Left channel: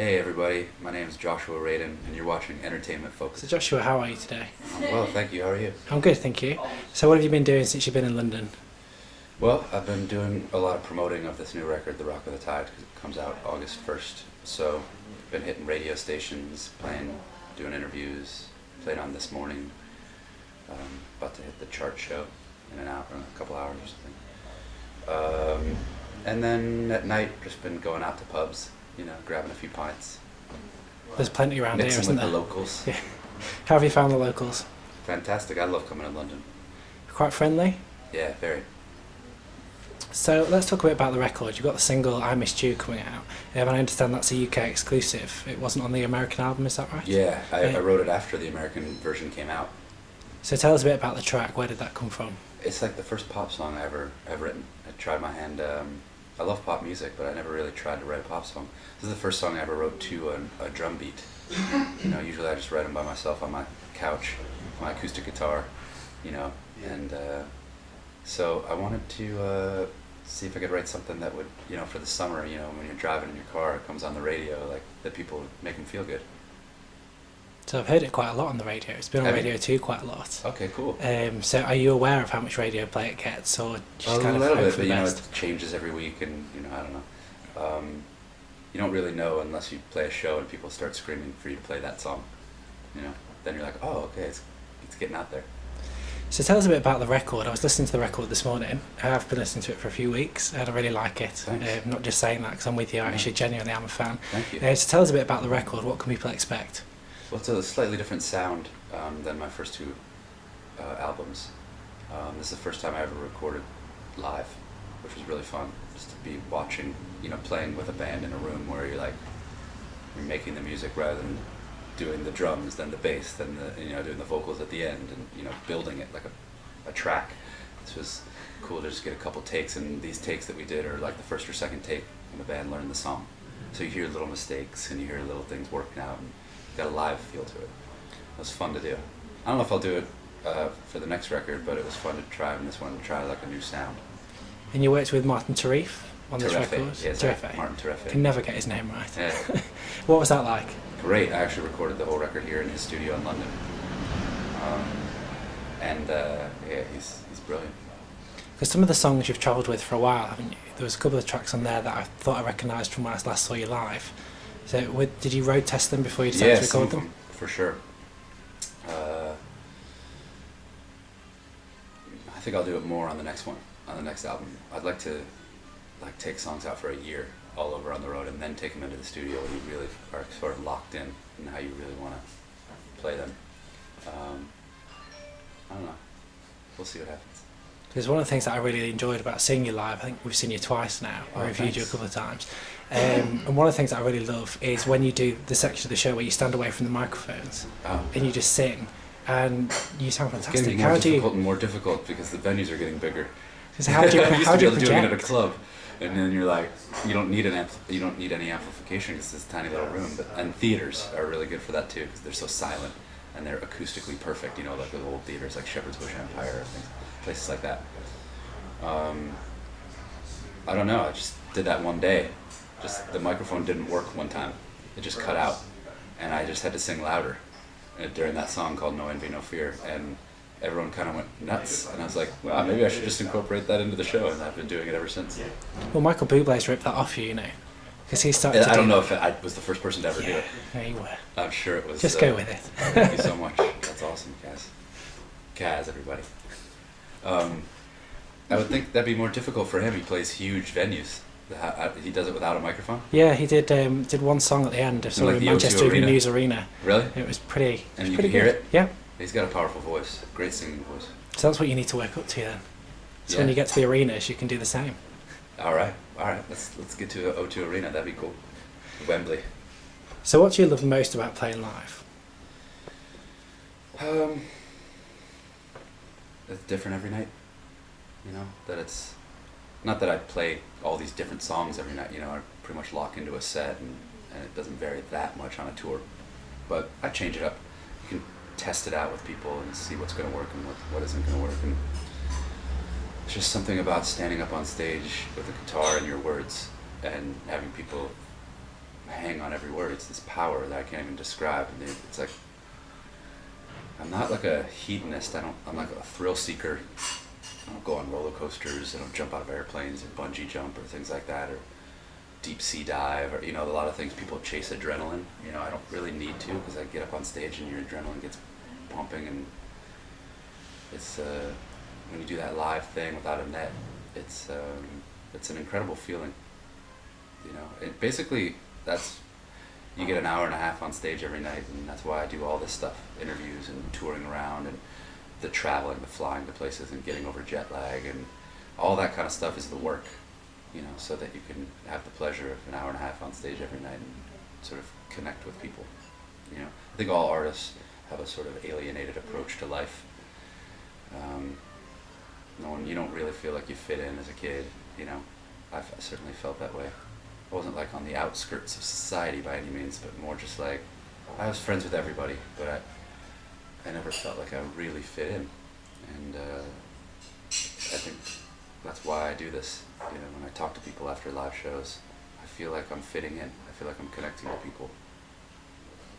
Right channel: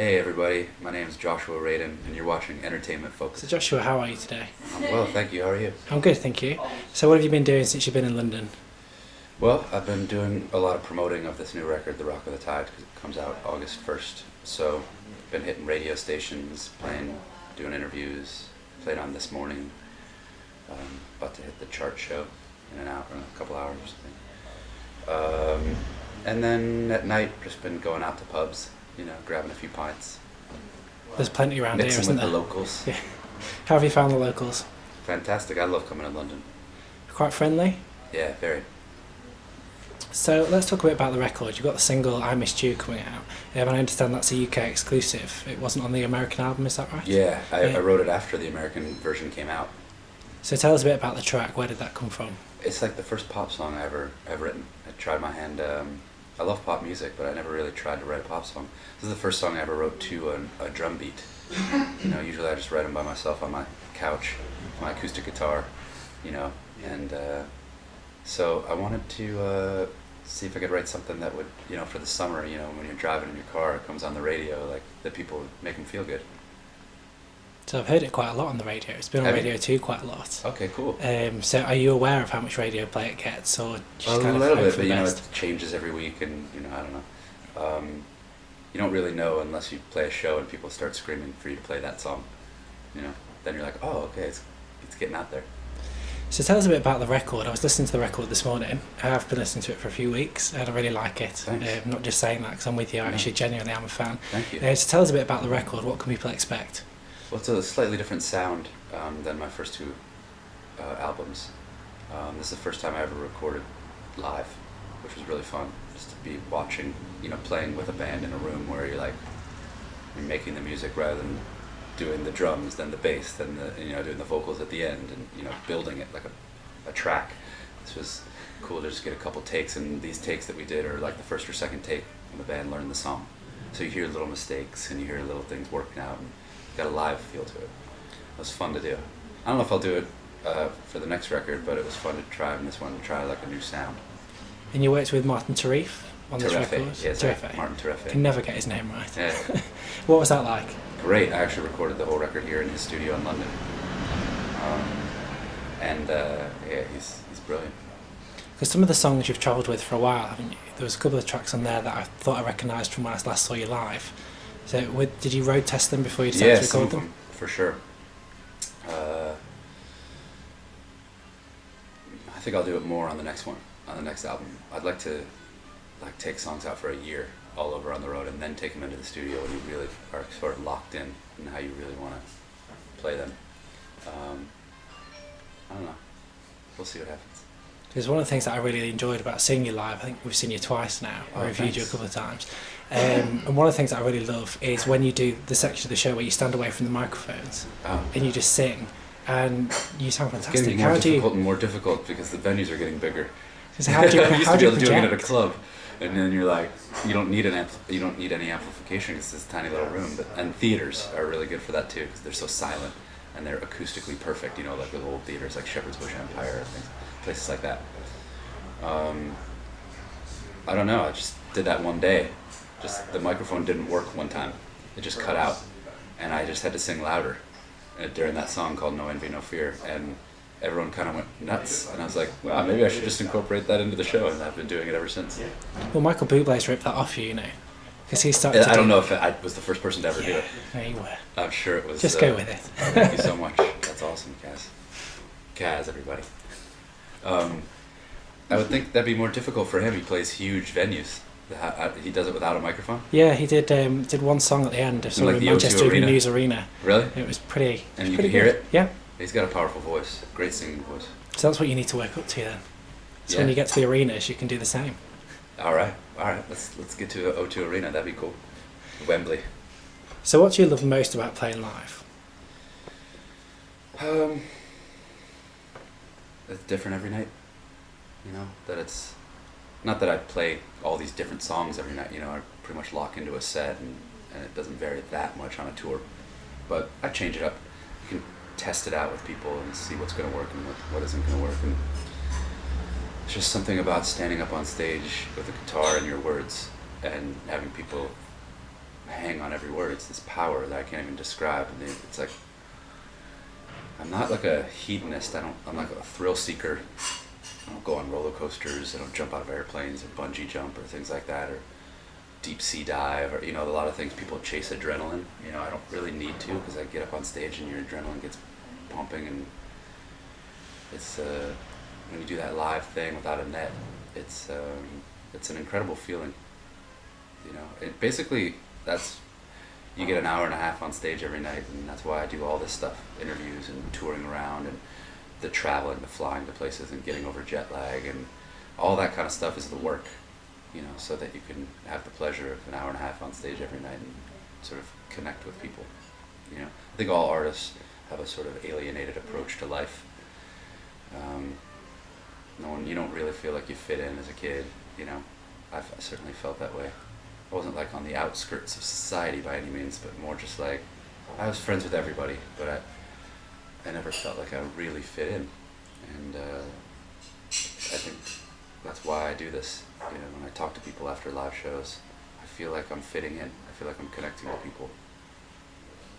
Hey everybody, my name is Joshua Radin, and you're watching Entertainment Focus. So Joshua, how are you today? I'm well, thank you. How are you? I'm good, thank you. So what have you been doing since you've been in London? Well, I've been doing a lot of promoting of this new record, The Rock of the Tide, because it comes out August 1st. So, been hitting radio stations, playing, doing interviews, played on This Morning. About to hit the chart show in a couple hours or something. And then at night, just been going out to pubs, grabbing a few pints. There's plenty around here, Mixing isn't with there? the locals. Yeah. How have you found the locals? Fantastic. I love coming to London. Quite friendly? Yeah, very. So let's talk a bit about the record. You've got the single I Missed You coming out. And I understand that's a UK exclusive. It wasn't on the American album, is that right? Yeah, I wrote it after the American version came out. So tell us a bit about the track. Where did that come from? It's like the first pop song I ever written. I tried my hand. I love pop music, but I never really tried to write a pop song. This is the first song I ever wrote to a drum beat. Usually I just write them by myself on my couch, my acoustic guitar, and so I wanted to see if I could write something that would, for the summer, when you're driving in your car, it comes on the radio, like that people would make them feel good. So I've heard it quite a lot on the radio. It's been on Have Radio you? 2 quite a lot. Okay, cool. So are you aware of how much radio play it gets, or just A kind of little hope bit, for but the best? it changes every week, and I don't know. You don't really know unless you play a show and people start screaming for you to play that song. Then you're like, oh, okay, it's getting out there. So tell us a bit about the record. I was listening to the record this morning. I've been listening to it for a few weeks and I really like it. Thanks. I'm not just saying that because I'm with you. I actually genuinely am a fan. Thank you. So tell us a bit about the record. What can people expect? Well, it's a slightly different sound than my first two albums. This is the first time I ever recorded live, which was really fun. Just to be watching, playing with a band in a room where you're you're making the music rather than doing the drums, then the bass, then doing the vocals at the end, and building it like a track. This was cool to just get a couple takes, and these takes that we did are like the first or second take when the band learned the song. So you hear little mistakes and you hear little things working out, and got a live feel to it. It was fun to do. I don't know if I'll do it for the next record, but it was fun to try on this one, to try like a new sound. And you worked with Martin Tarif on this Terefe, record? yes, Terefe. Martin Terefe. Can never get his name right. Yeah. What was that like? Great. I actually recorded the whole record here in his studio in London. He's brilliant. Because some of the songs you've travelled with for a while, haven't you? There was a couple of tracks on there that I thought I recognised from when I last saw you live. So did you road test them before you decided to some record of them? For sure. I think I'll do it more on the next one, on the next album. I'd like to take songs out for a year all over on the road and then take them into the studio when you really are sort of locked in and how you really want to play them. I don't know. We'll see what happens. Because one of the things that I really enjoyed about seeing you live, I think we've seen you twice now, I reviewed you a Thanks. couple of times, and one of the things that I really love is when you do the section of the show where you stand away from the microphones and you just sing, and you sound It's fantastic. getting more difficult and more difficult because the venues are getting bigger. How do you, I used how to do be you able to do it at a project? club, and then you're like, you don't need any amplification because it's this tiny little room. And theaters are really good for that too because they're so silent and they're acoustically perfect. Like the old theaters like Shepherd's Bush Empire, places like that. I don't know. I just did that one day. Just the microphone didn't work one time. It just cut out, and I just had to sing louder during that song called "No Envy, No Fear," and everyone kind of went nuts. And I was like, wow, maybe I should just incorporate that into the show, and I've been doing it ever since. Well, Michael Bublé's ripped that off you, because he started to I don't know if I was the first person to ever do it. Yeah, you were. I'm sure it was. Just go with it. Thank you so much. That's awesome, Kaz, everybody. I would think that'd be more difficult for him. He plays huge venues. He does it without a microphone. Yeah, he did one song at the end of Like the O2 Manchester Evening Arena? News Arena. Really? It was pretty. And it was you pretty can hear good. it? Yeah. He's got a powerful voice. Great singing voice. So that's what you need to work up to then. So when Yeah. you get to the arenas, you can do the same. All right. Let's get to the O2 Arena. That'd be cool. Wembley. So what do you love most about playing live? It's different every night. That it's not that I play all these different songs every night. I pretty much lock into a set, and it doesn't vary that much on a tour. But I change it up. You can test it out with people and see what's going to work and what isn't going to work. And it's just something about standing up on stage with a guitar and your words and having people hang on every word. It's this power that I can't even describe. And it's like, I'm not like a hedonist. I'm like a thrill seeker. I don't go on roller coasters. I don't jump out of airplanes or bungee jump or things like that, or deep sea dive, or, you know, a lot of things people chase adrenaline. You know, I don't really need to, because I get up on stage and your adrenaline gets pumping, and it's when you do that live thing without a net, it's an incredible feeling. You know, basically you get an hour and a half on stage every night, and that's why I do all this stuff, interviews and touring around and the traveling, the flying to places and getting over jet lag, and all that kind of stuff is the work, you know, so that you can have the pleasure of an hour and a half on stage every night and sort of connect with people. You know, I think all artists have a sort of alienated approach to life. You don't really feel like you fit in as a kid, you know. I certainly felt that way. I wasn't like on the outskirts of society by any means, but more just like, I was friends with everybody, but I never felt like I really fit in. And I think that's why I do this. You know, when I talk to people after live shows, I feel like I'm fitting in. I feel like I'm connecting with people.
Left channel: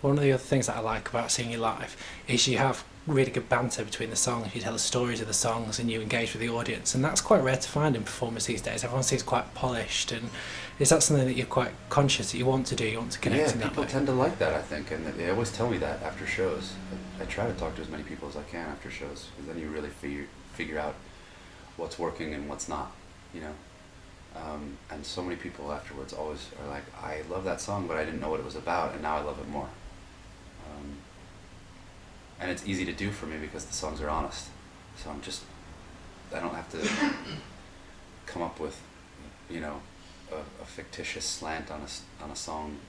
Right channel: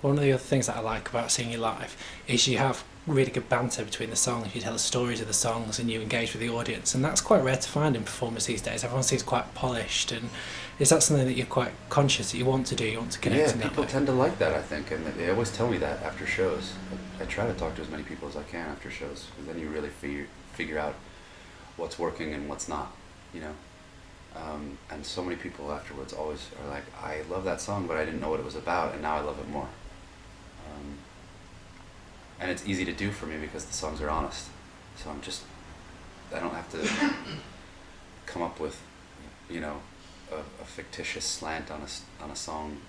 One of the other things that I like about seeing you live is you have really good banter between the songs. You tell the stories of the songs and you engage with the audience, and that's quite rare to find in performers these days. Everyone seems quite polished, and is that something that you're quite conscious that you want to do? You want to connect in that way? People tend to like that, I think, and they always tell me that after shows. I try to talk to as many people as I can after shows, because then you really figure out what's working and what's not, you know. And so many people afterwards always are like, I love that song, but I didn't know what it was about, and now I love it more. And it's easy to do for me because the songs are honest. So I don't have to come up with, you know, a fictitious slant on a song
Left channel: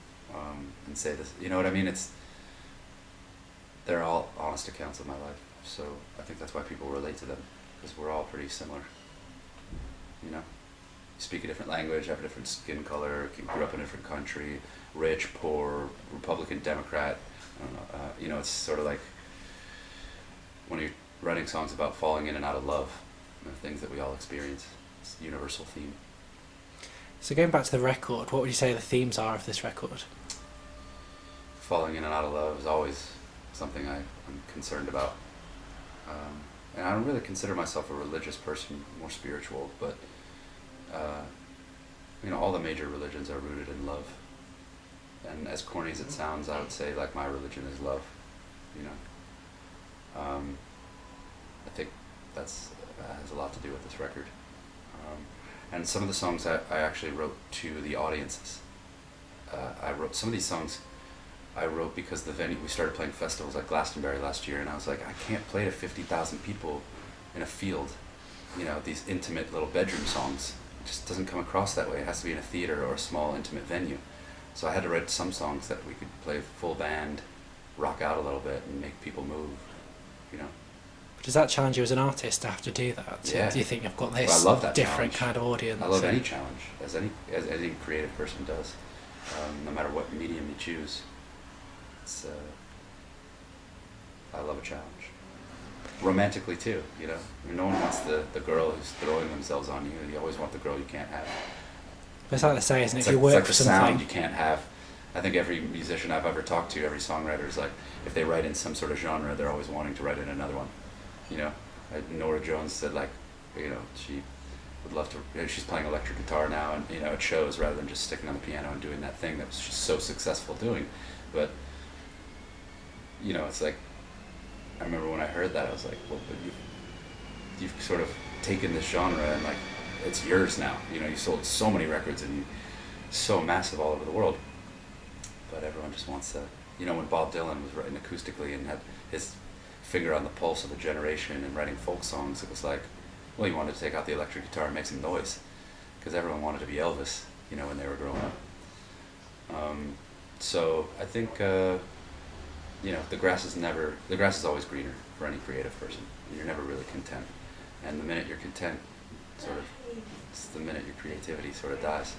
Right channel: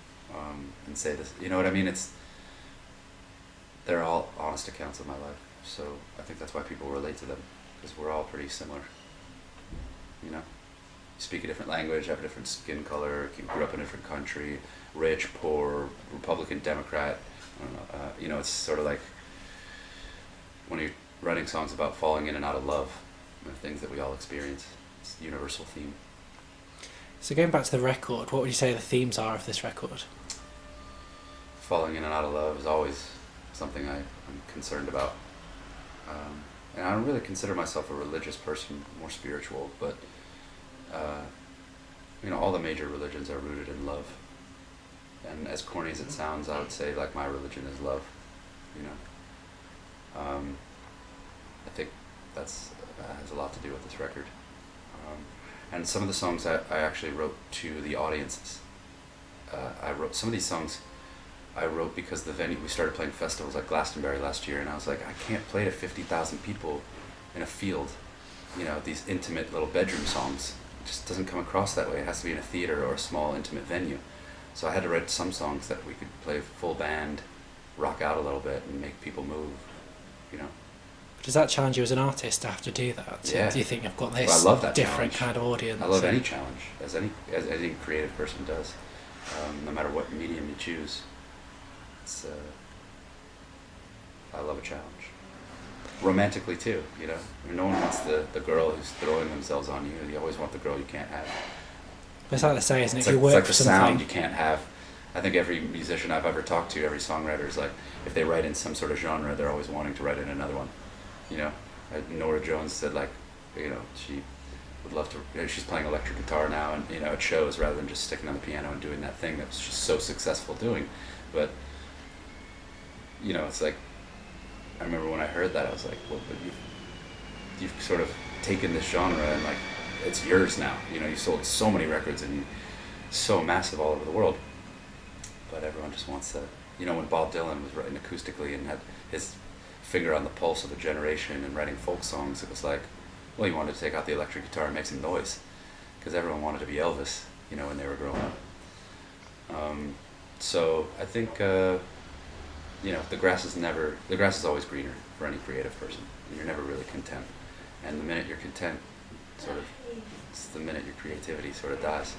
and say this. You know what I mean? They're all honest accounts of my life. So I think that's why people relate to them, because we're all pretty similar. You know, you speak a different language, have a different skin color, grew up in a different country, rich, poor, Republican, Democrat. I don't know. You know, it's sort of like when you're writing songs about falling in and out of love, the things that we all experience. It's a universal theme. So going back to the record, what would you say the themes are of this record? Falling in and out of love is always something I'm concerned about. And I don't really consider myself a religious person, more spiritual, but you know, all the major religions are rooted in love. And as corny as it sounds, I would say like my religion is love, you know. I think that has a lot to do with this record. And some of the songs I actually wrote to the audiences. I wrote some of these songs I wrote because the venue, we started playing festivals like Glastonbury last year, and I was like, I can't play to 50,000 people in a field, you know, these intimate little bedroom songs. It just doesn't come across that way. It has to be in a theater or a small intimate venue. So I had to write some songs that we could play full band, rock out a little bit, and make people move, you know. Does that challenge you as an artist to have to do that? Yeah. Do you think you've got this I love that different challenge. kind of audience? I love any challenge, as any creative person does, no matter what medium you choose. It's I love a challenge. Romantically too, you know. I mean, no one wants the girl who's throwing themselves on you. You always want the girl you can't have. But it's like they say, isn't it? It's If like, you work it's like for the something, sound you can't have. I think every musician I've ever talked to, every songwriter is like, if they write in some sort of genre, they're always wanting to write in another one. You know, Nora Jones said, like, you know, she would love to. You know, she's playing electric guitar now, and you know, it shows, rather than just sticking on the piano and doing that thing that she's so successful doing. But you know, it's like, I remember when I heard that, I was like, well, but you've sort of taken this genre and like, it's yours now. You know, you sold so many records and you're so massive all over the world. But everyone just wants to, you know, when Bob Dylan was writing acoustically and had his finger on the pulse of a generation and writing folk songs, it was like, well, he wanted to take out the electric guitar and make some noise, because everyone wanted to be Elvis, you know, when they were growing up. So I think, you know, the grass is always greener for any creative person. You're never really content. And the minute you're content, it's the minute your creativity sort of dies.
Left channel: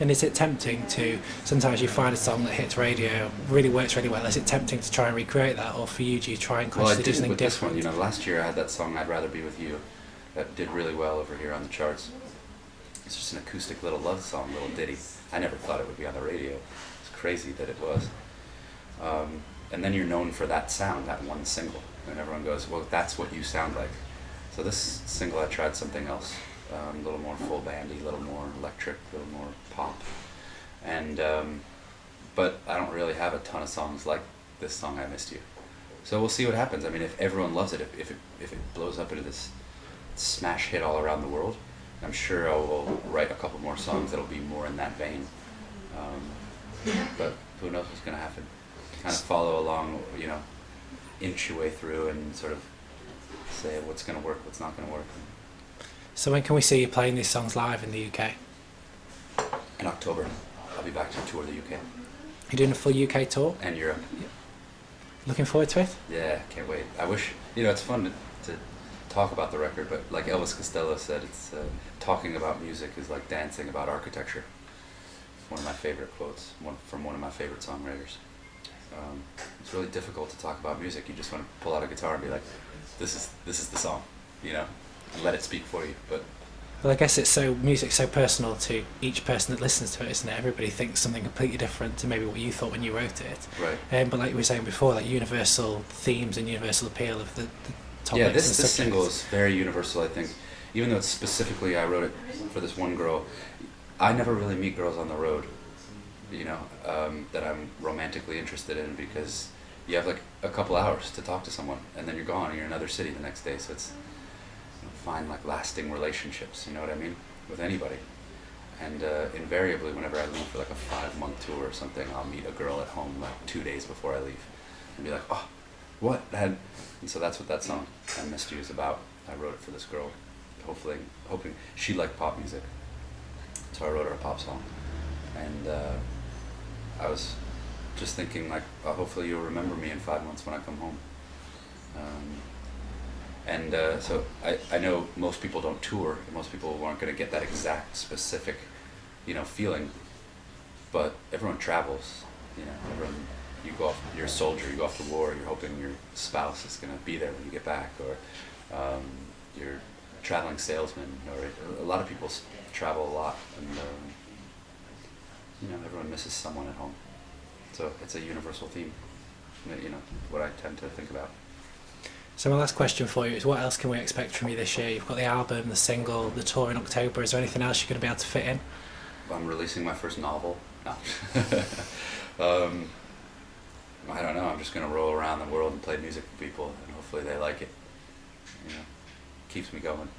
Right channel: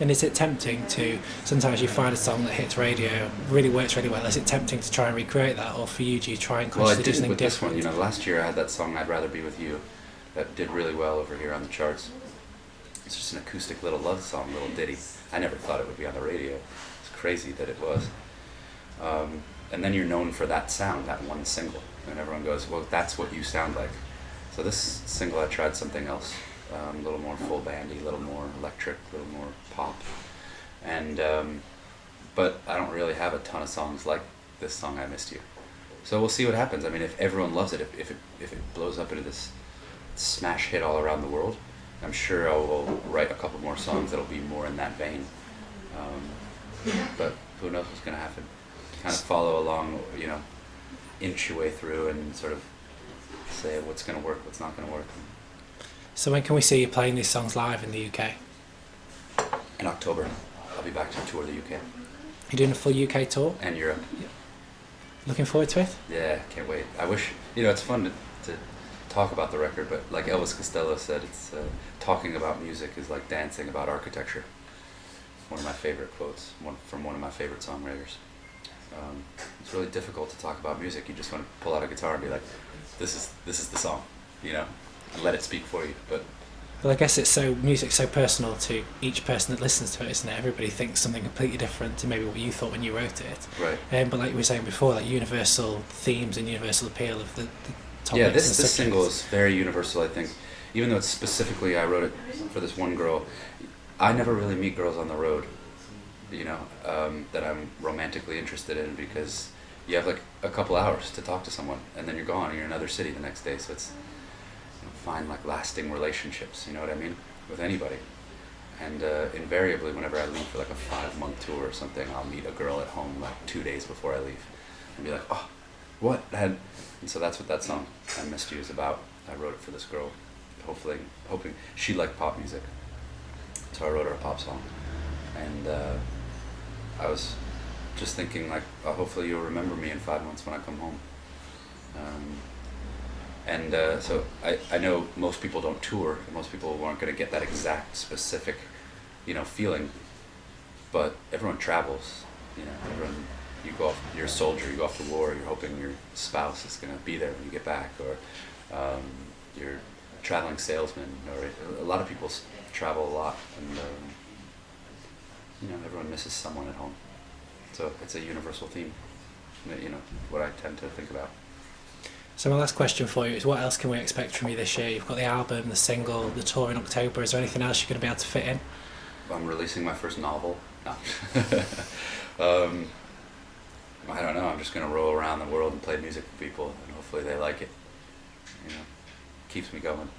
and is it tempting to, sometimes you find a song that hits radio, really works really well, is it tempting to try and recreate that, or for you, do you try and consciously do something different? This one, you know, last year I had that song, I'd Rather Be With You, that did really well over here on the charts. It's just an acoustic little love song, little ditty. I never thought it would be on the radio. It's crazy that it was. And then you're known for that sound, that one single, and everyone goes, well, that's what you sound like. So this single I tried something else, a little more full bandy, a little more electric, a little more pop, and but I don't really have a ton of songs like this song, I Missed You. So we'll see what happens. I mean, if everyone loves it, if it blows up into this smash hit all around the world, I'm sure I will write a couple more songs that'll be more in that vein. But who knows what's going to happen? Kind of follow along, you know, inch your way through and sort of say what's going to work, what's not going to work. So when can we see you playing these songs live in the UK? In October, I'll be back to tour the UK. You're doing a full UK tour? And Europe. Looking forward to it? Yeah, can't wait. I wish, you know, it's fun to talk about the record, but like Elvis Costello said, it's talking about music is like dancing about architecture. One of my favorite quotes, from one of my favorite songwriters. It's really difficult to talk about music. You just want to pull out a guitar and be like, this is the song, you know, and let it speak for you. But well, I guess music's so personal to each person that listens to it, isn't it? Everybody thinks something completely different to maybe what you thought when you wrote it. right. But like you were saying before, like universal themes and universal appeal of the topics. Yeah, and this subjects. single is very universal, I think. Even though it's specifically, I wrote it for this one girl. I never really meet girls on the road, you know, that I'm romantically interested in, because you have like a couple hours to talk to someone and then you're gone and you're in another city the next day. So it's, you know, find like lasting relationships, you know what I mean, with anybody. And invariably, whenever I leave for like a 5-month tour or something, I'll meet a girl at home like 2 days before I leave and be like, oh, what? And so that's what that song, I Missed You, is about. I wrote it for this girl, hoping she liked pop music. So I wrote her a pop song. And I was just thinking, like, oh, hopefully you'll remember me in 5 months when I come home. So I know most people don't tour, and most people aren't going to get that exact specific, you know, feeling. But everyone travels, you know. You're a soldier, you go off to war, you're hoping your spouse is going to be there when you get back, or you're a traveling salesman, or a lot of people travel a lot, and you know, everyone misses someone at home. So it's a universal theme, you know, what I tend to think about. So my last question for you is, what else can we expect from you this year? You've got the album, the single, the tour in October. Is there anything else you're going to be able to fit in? I'm releasing my first novel. No. I don't know. I'm just going to roll around the world and play music for people, and hopefully they like it. You know, keeps me going.